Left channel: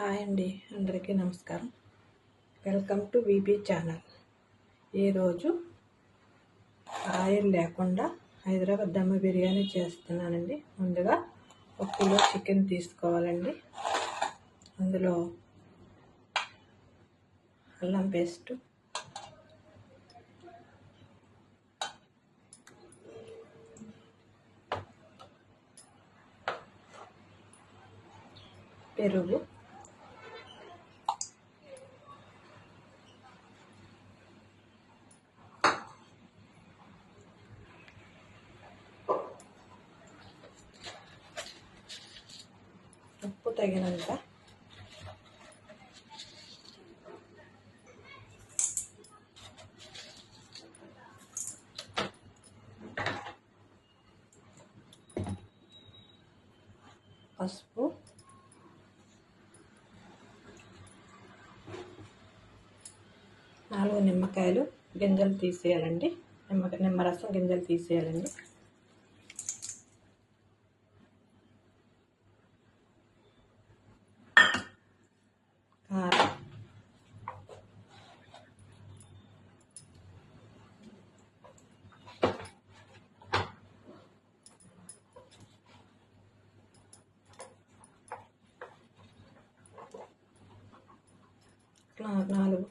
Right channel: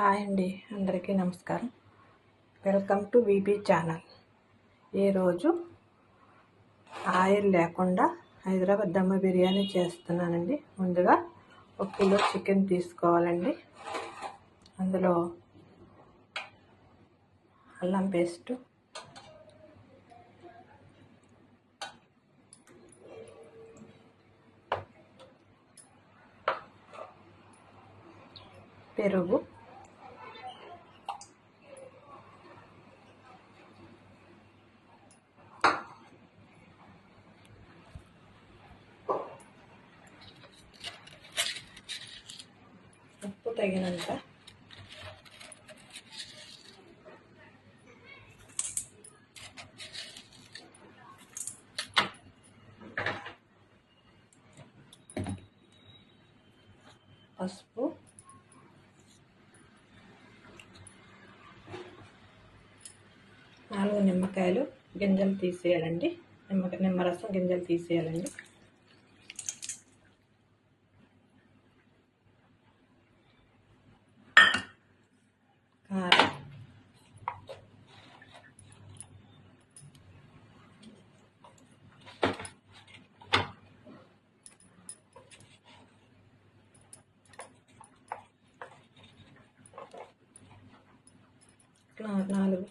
Hi అండి, అందరికీ నమస్కారం. Welcome to VP channel. ఈరోజు ఆయిల్ లేకుండా హైదరాబాద్ దమ్ బిర్యానీ చేస్తున్నానండి. ముందుగా 1 కిలో చికెన్ తీసుకోవాలండి. అందులో అల్లం పేస్టు, పెరుగు, ఉప్పు తగినంత, పసుపు, 4 నిమ్మకాయలు గింజలు తీసేయాలండి. నిమ్మరసం గింజలు తీసేయాలండి. కారం, నాలుగు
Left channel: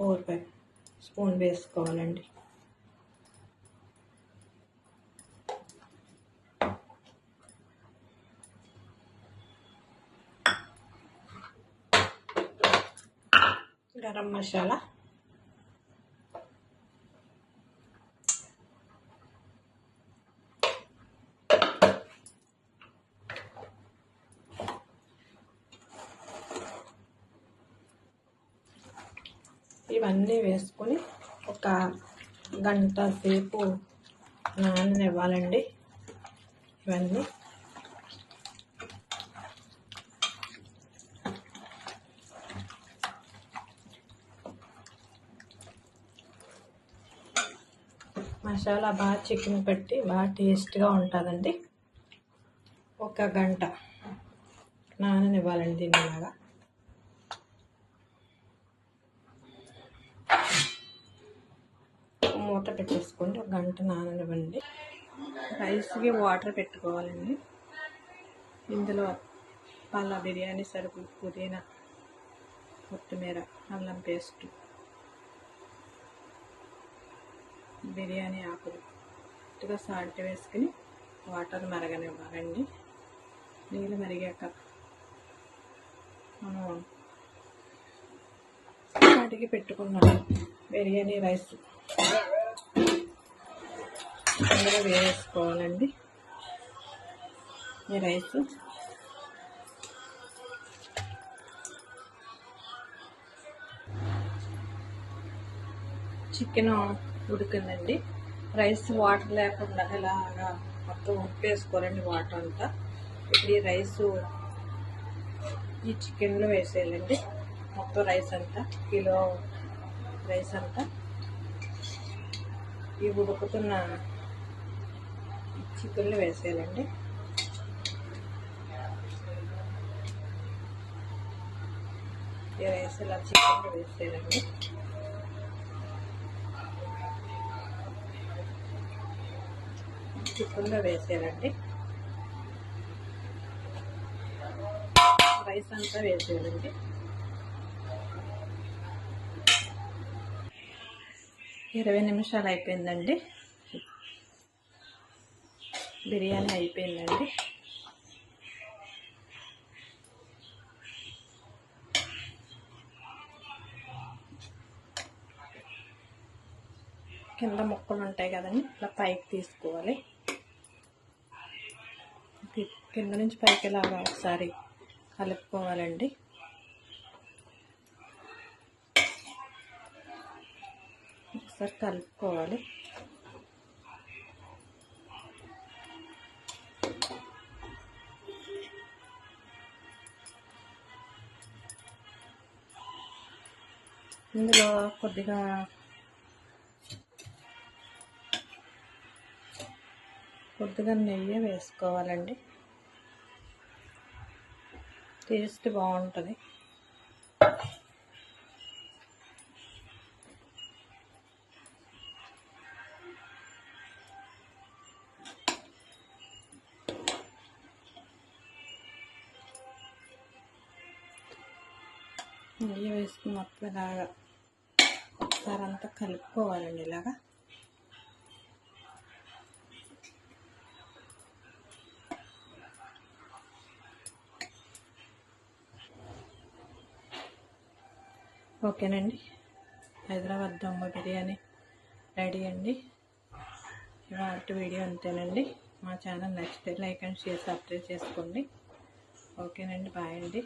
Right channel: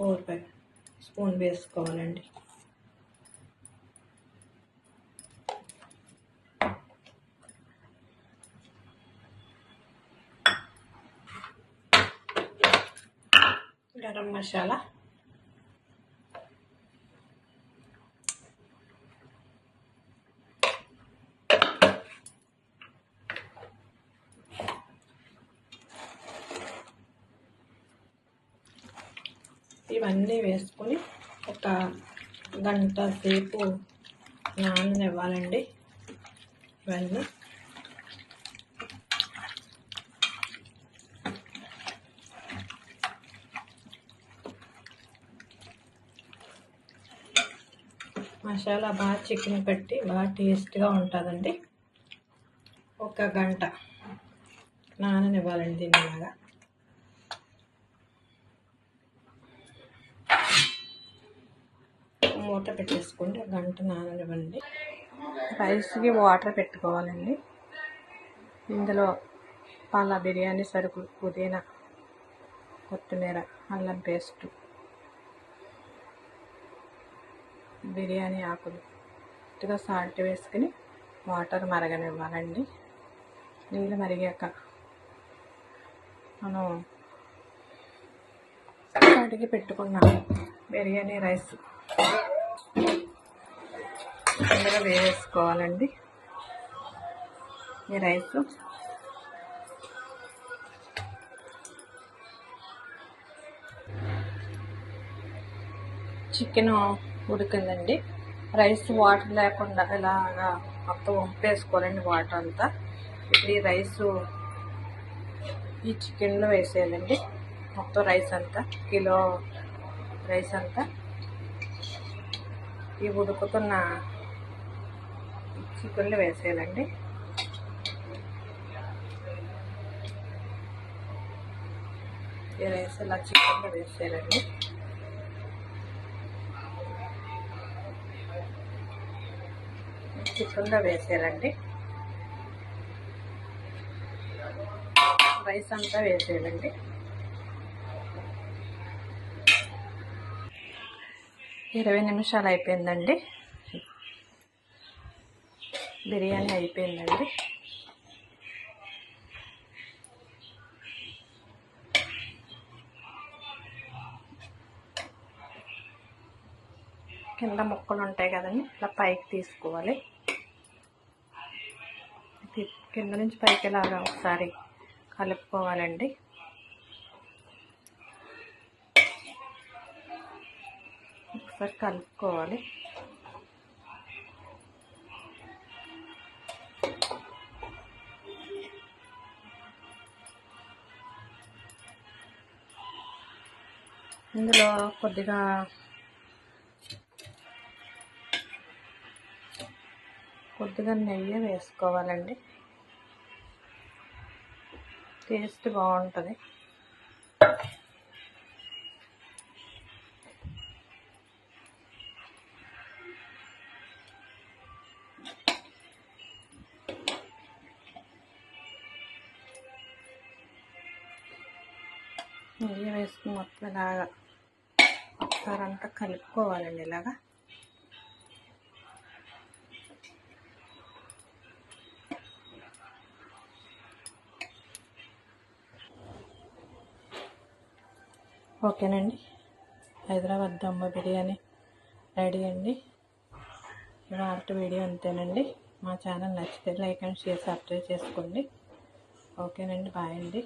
4-5 స్పూన్ వేసుకోవాలండి. గరం మసాలా, ఇవన్నీ వేసుకొని ఒక గంట సేపు నాననివ్వాలండి. ఇవన్నీ మసాలా బాగా చికెన్ పెట్టి బాగా టేస్ట్గా ఉంటుందండి. ఒక గంట నాననివ్వాలండి. దీనిలాగా మూత పెట్టేసుకోండి. ఒక గంట నాననివ్వండి. రైస్కి వాటర్ పెట్టుకోవాలండి. ఇందులో బిర్యానీ సరుకులు, పుదీనా, కొత్తిమీర, అల్లం పేస్టు, బిర్యానీ ఆకులు, కొద్దిగా సాల్ట్ వేసుకుని వాటర్ మరగనివ్వాలండి. నీళ్ళు మరిగాక మనం కడిగి పెట్టుకున్న బిర్యానీ రైస్ అందులో వేసుకోవాలండి. ఈ రైస్ చికెన్ ఉడికిందండి. రైస్ వాటర్ లేకుండా ఇలాగా మొత్తం వంపేసుకోవాలండి వాటర్ అంతా. ఇప్పుడు ఈ రైసు ఈ చికెన్లో వేసేయాలండి. మొత్తం రైస్ అంతా, కిలో రైస్ అంతా ఈ ఉడుకుతున్న చికెన్లో వేసేయాలండి. ఈ రైస్ ఇలా చికెన్లో వేసేయాలండి. చికెన్లో వేసేయాలండి. రైస్ అంతా వేసేయాలండి. ఇరవై నిమిషాలు అయిపోయిందండి. బిర్యానీ అయిపోయిందండి. కింద ముక్కలు ఉంటాయి కదండి, ఇలా పైకి తీసుకోవాలి. కింద నుంచి పైకి ఇలాగా ఒకసారి కలుపుకోవాలండి. ఒకసారి కలుపుకోవాలి. ఇందులో కొద్దిగా నెయ్యి వేసుకోవాలండి. టేస్ట్ బాగుంటుంది. నెయ్యి వేసుకుని మొత్తం ఇలాగా ఒకసారి అంతా కలుపుకోవాలండి. ఇలాగా ఓకేనండి. హైదరాబాద్ దమ్ బిర్యానీ రెడీ అండి. ఇవాళ వీడియో అంతేనండి. మా ఛానల్ నచ్చితే లైక్ అండ్ షేర్, సబ్స్క్రైబ్ చేసుకోండి. ఓకేనండి. బాయ్ అండి.